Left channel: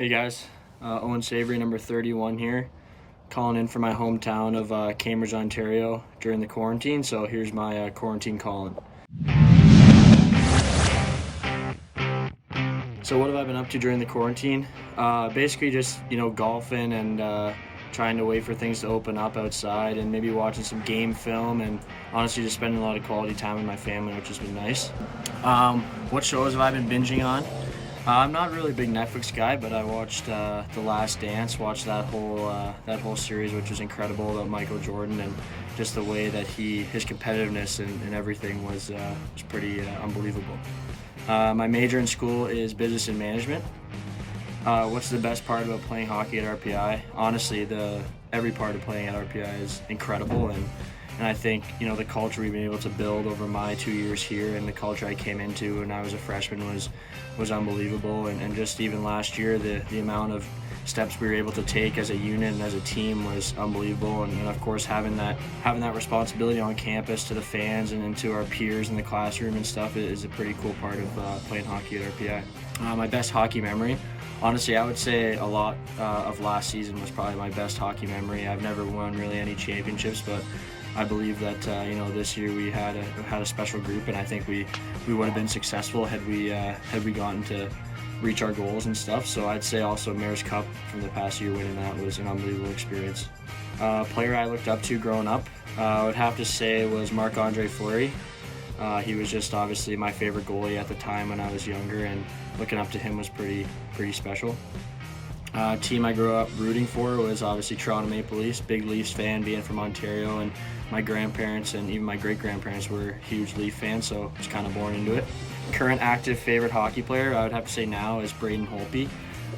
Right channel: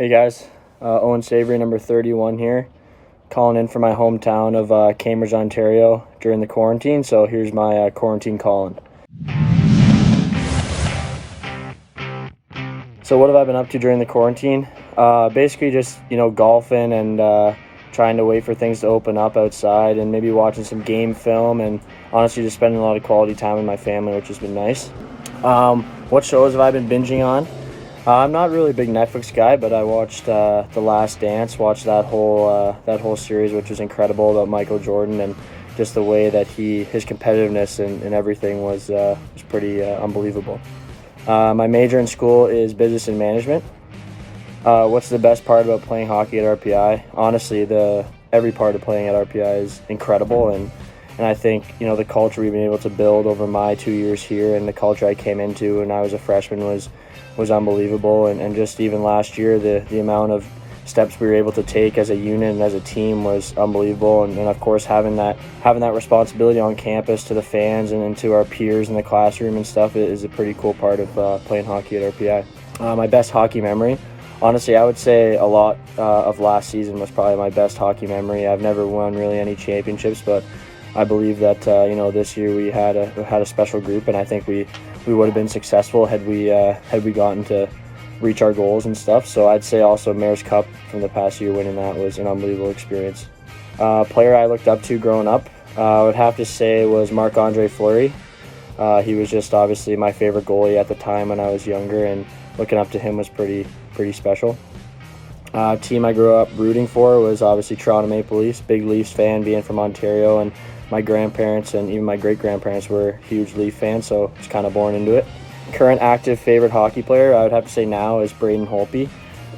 Hey guys, OWEN SAVORY number 31 here, calling in from my hometown of Cambridge, Ontario during the quarantine. So here's my quarantine call-in. So what have I been up to during the quarantine? Basically just, golfing and trying to wait for things to open up outside and maybe watching some game film and honestly just spending a lot of quality time with my family, which has been nice. What shows have I been binging on? I'm not really a big Netflix guy, but I watched The Last Dance, watched that whole series, which was incredible, about Michael Jordan and just the way that his competitiveness and everything was pretty unbelievable. My major in school is business and management. What's the best part about playing hockey at RPI? Honestly, every part of playing at RPI is incredible, and I think the culture we've been able to build over my 2 years here and the culture I came into when I was a freshman was unbelievable, and just even last year the amount of steps we were able to take as a unit and as a team was unbelievable, and of course having that responsibility on campus to the fans and to our peers in the classroom and stuff is a pretty cool part of playing hockey at RPI. My best hockey memory, honestly, I would say a lot of last season was probably my best hockey memory. I've never won really any championships, but I believe that this year we had a special group, and I think we would have been successful had we gotten to reach our goals and stuff. So I'd say also Mayor's Cup from the past year, winning that was an unbelievable experience. Player I looked up to growing up, I would have to say was Marc-Andre Fleury. He was just obviously my favorite goalie at the time when I was younger, and looking up to him was pretty special. Team I grew up rooting for was obviously Toronto Maple Leafs. Big Leafs fan, being from Ontario, and my grandparents and even my great-grandparents were huge Leaf fans, so I was kind of born into it. Current active favorite hockey player, I would have to say now, is Braden Holtby.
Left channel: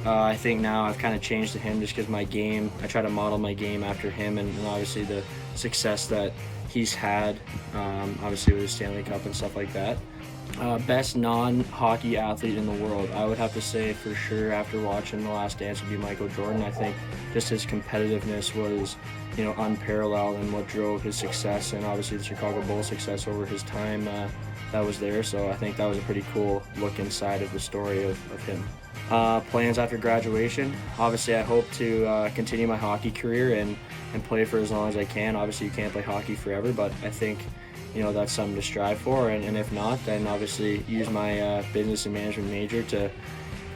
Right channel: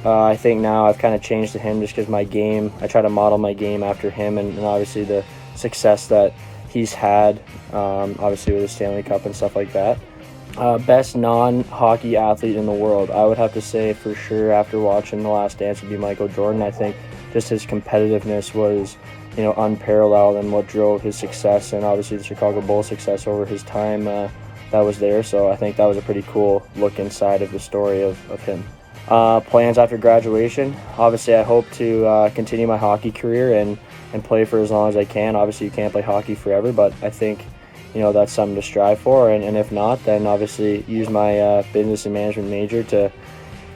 I think now I've kind of changed to him just because my game, I try to model my game after him, and obviously the success that he's had, obviously with the Stanley Cup and stuff like that. Best non-hockey athlete in the world, I would have to say for sure after watching The Last Dance would be Michael Jordan. I think just his competitiveness was unparalleled, and what drove his success, and obviously the Chicago Bulls success over his time that was there. So I think that was a pretty cool look inside of the story of him. Plans after graduation, obviously I hope to continue my hockey career and play for as long as I can. Obviously you can't play hockey forever, but I think that's something to strive for, and if not, then obviously use my business and management major to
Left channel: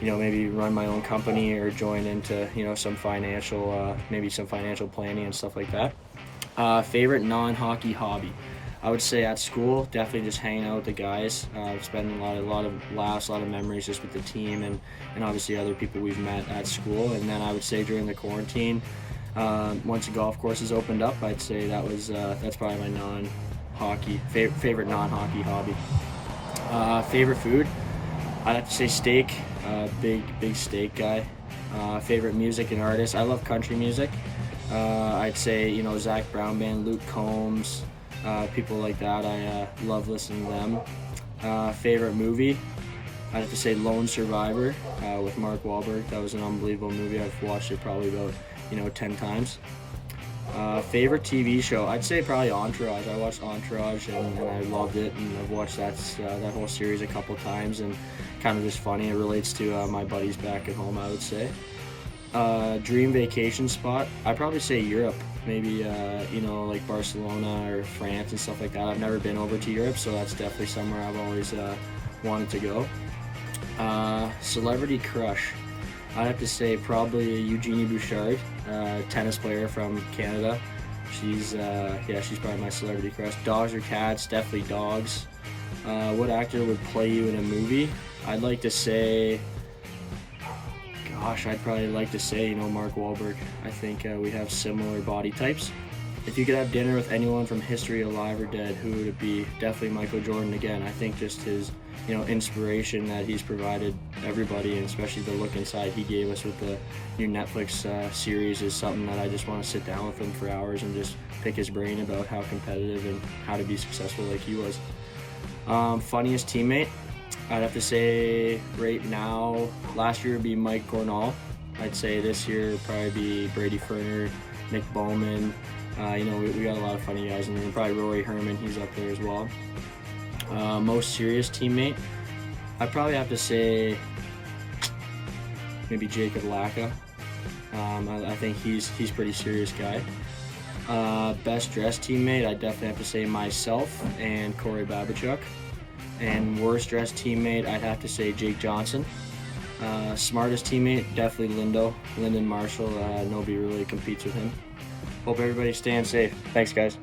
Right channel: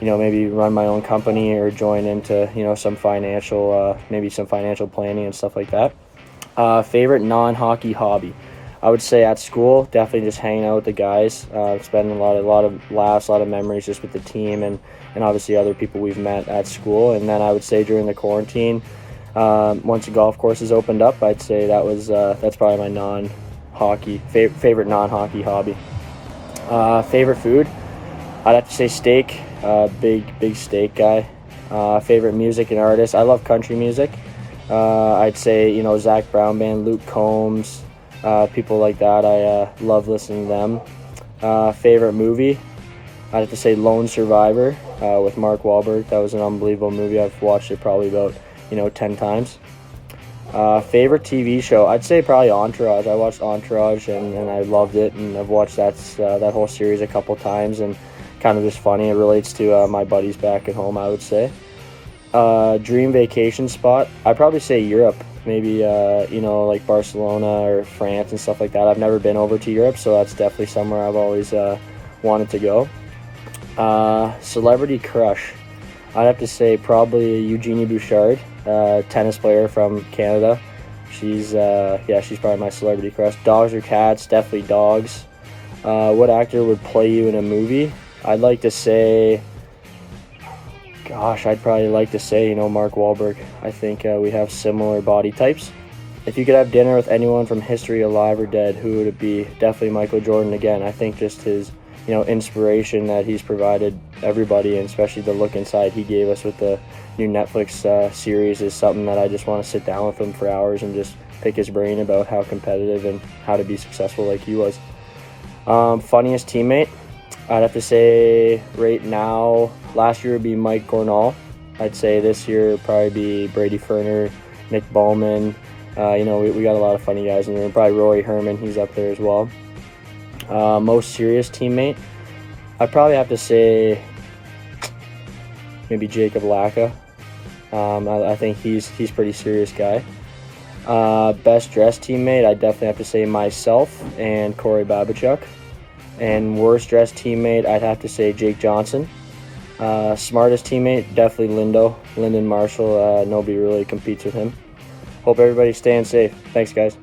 maybe run my own company or join into some financial planning and stuff like that. Favorite non-hockey hobby, I would say at school, definitely just hanging out with the guys, spending a lot of laughs, a lot of memories just with the team and obviously other people we've met at school. And then I would say during the quarantine, once the golf courses opened up, I'd say that's probably my favorite non-hockey hobby. Favorite food, I'd have to say steak. Big steak guy. Favorite music and artist, I love country music. I'd say Zach Brown Band, Luke Combs, people like that. I love listening to them. Favorite movie, I'd have to say Lone Survivor with Mark Wahlberg. That was an unbelievable movie. I've watched it probably about 10 times. Favorite TV show, I'd say probably Entourage. I watched Entourage and I loved it, and I've watched that whole series a couple times, and kind of just funny. It relates to my buddies back at home, I would say. Dream vacation spot, I'd probably say Europe, maybe like Barcelona or France and stuff like that. I've never been over to Europe, so that's definitely somewhere I've always wanted to go. Celebrity crush, I'd have to say probably Eugenie Bouchard, tennis player from Canada. She's probably my celebrity crush. Dogs or cats? Definitely dogs. What actor would play you in a movie? I'd probably like to say Mark Wahlberg. I think we have similar body types. If you could have dinner with anyone from history, alive or dead, who would it be? Definitely Michael Jordan again. I think just his inspiration that he's provided everybody, and especially the look inside he gave us with the new Netflix series, is something that I just want to sit down with him for hours and just pick his brain about how competitive and how to be successful like he was. Funniest teammate, I'd have to say right now, last year would be Mike Gornall. I'd say this year would probably be Brady Ferner, Nick Bowman. We got a lot of funny guys in there. Probably Rory Herman, he's up there as well. Most serious teammate, I'd probably have to say maybe Jacob Lacka. I think he's pretty serious guy. Best dressed teammate, I definitely have to say myself and Corey Babichuk. And worst dressed teammate, I'd have to say Jake Johnson. Smartest teammate, definitely Lyndon Marshall. Nobody really competes with him. Hope everybody's staying safe. Thanks, guys.